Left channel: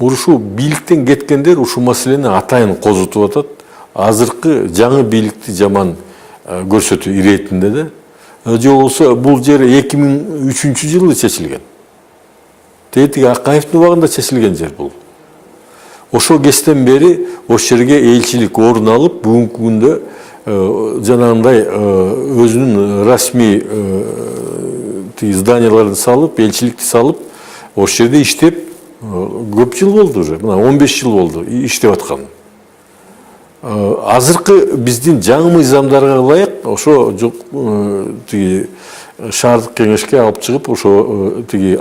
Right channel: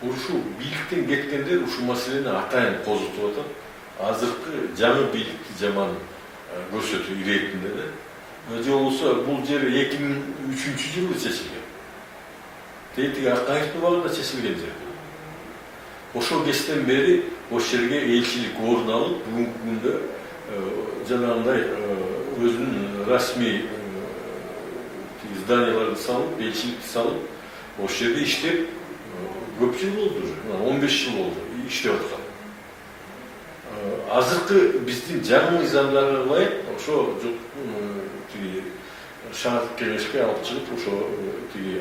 Ушу бийликтен кеткендер ушул маселени атайын козутуп атат. Азыркы жаңы бийликти жаман көрсөтүү иретинде да. Же болсо бул жер 2003-жылы чечилген. Тетиги Акаевдин убагында чечилген жер бул. Ошо кезден бери ошол жерге элчилик орун алып, бүгүнкү күндө жанагындай өзүнүн расмий зданияларды салып, элчиликти салып, ошол жерде иштеп көп жыл болду уже. 15 жыл болду иштеп аткан. Азыркы биздин жаңы мыйзамдарга ылайык ошо шаардык кеңешке алып чыгып, ошо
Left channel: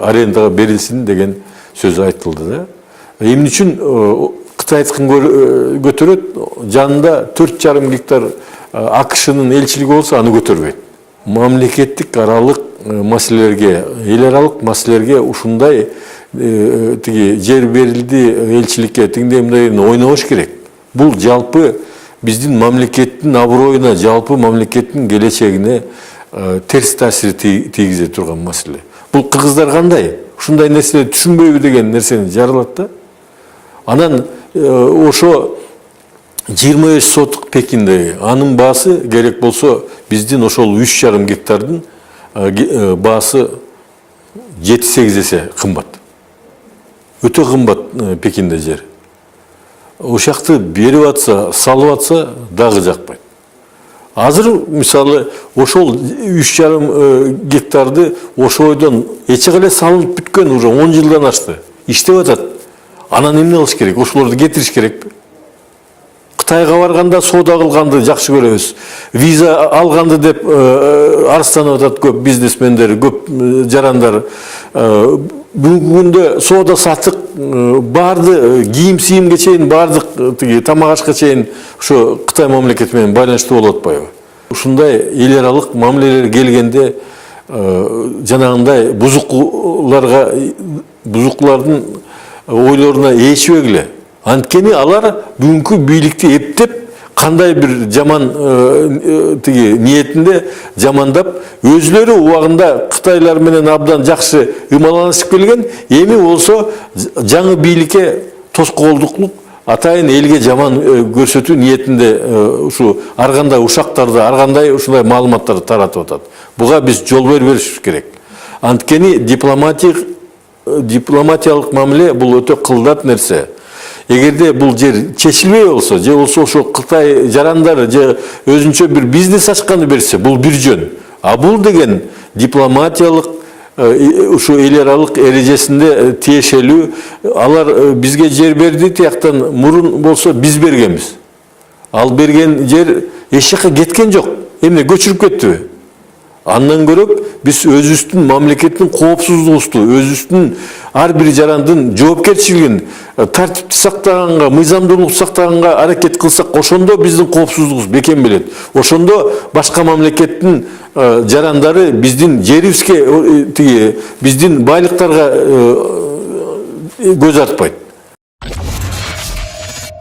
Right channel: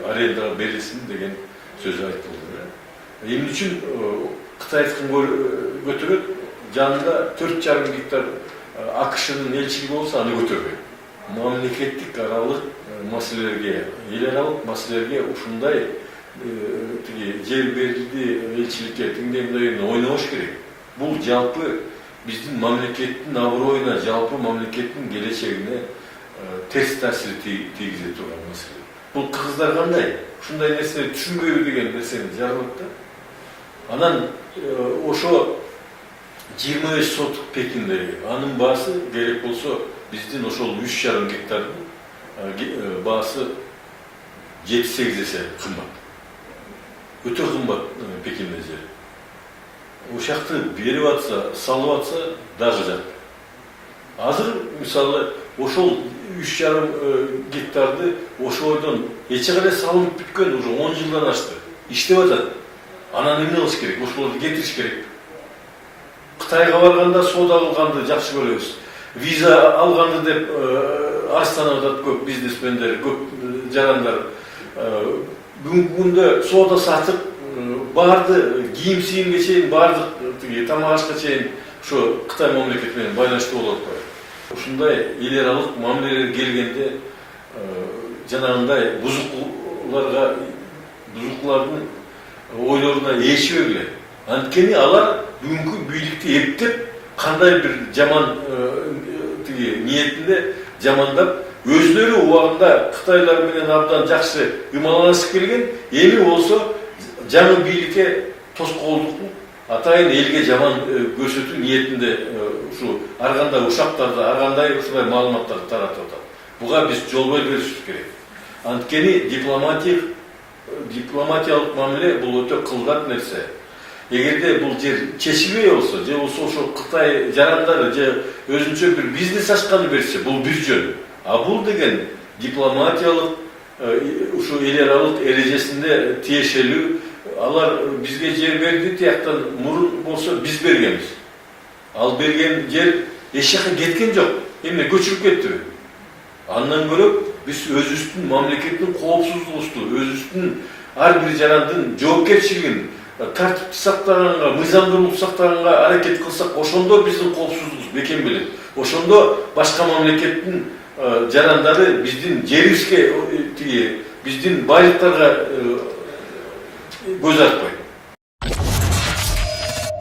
арендага берилсин деген сөз айтылды да. Эмне үчүн Кытайдыкын көтөрөт, жанында 4,5 гектар АКШнын элчилиги болсо аны көтөрбөйт. Мамлекеттик аралык маселелерге, эл аралык маселелерге ушундай жер берилди элчиликке тиңдей ойнобош керек. Бул жалпы биздин мамлекеттин аброюна, жалпы мамлекеттин келечегине терс таасир тийгизе турган маселе. Бул кыргыздар кандай? Ушундай нерсени түшүнбөйбү деген нерсени жарылат да. Анан ошо 25 сотук Пекинде анын баасы керек болсо биздин ошол 3,5 гектардын баасы 7-8 эсе кымбат. Өтө кымбат Пекинде жер. Ошакты берип атса, салып атса дагы жакпайт. Азыр мисалы ошол 3,5 гектарды ошойдон эче кале салып бүткөн уже 10 жылдан ашты. Иштеп атат. Анан эмне кылыш керек? Ошолорду кетириш керекпи? Кытайга барганда соода кылганды жакшы көрөбүз. Виза алганды деп арыстанып атат көп бизнесмендер, көп жарандар. Бүгүнкү күндө соода сатык барды, кийим-сийимге чейин бардык, тамак ашка чейин ошо Кытай мамлекети менен байланыштуу болуп атпайбы? Ушундай эл аралык мамилелер келгенде жанагындай бузукулардын ойлоруна ээрчибегиле. Анткени алар бүгүнкү бийликти эптеп, кандай бир жаман ниетинде жамандап, өзлөрү убагында Кытайлар менен абдан жакшы ымаланышып келген, эми болсо жаңы бийликке тоскоолдуклук, атайын элге жаман көрсөтүү ниетинде ушу ар кандай ушактарды, ар кандай ушундай маалыматтарды таратып атат. Буга биз жол бербешибиз керек. Анткени дипломатиялык мамиле бул өтө кылдат нерсе. Эгерде бул жер чечилбей болсо, же болсо ошо Кытай жарандары же өзүнчө бир бизнес ачканы берсе, бул бир жөн. А бул деген дипломатиялык ушу эл аралык эрежесинде тиешелүү, алар бизге жер берди, тияктан мурун болсо биз бергенбиз. Ал берген жер эч жакка кеткен жок. Эмне көчүрүп кеттиби? Андан көрөп биз өзүбүздүн мамлекеттин коопсуздугубузду, өзүбүздүн ар бир жарандын жоопкерчилигин тартипти сактаганга, мыйзамдуулукту сактаганга аракет кылсак, ошондо биздин коопсуздугубуз бекем белет. Ошондо башка мамлекеттин жарандары биздин жерибизге, биздин байлыктарга көз артпайт.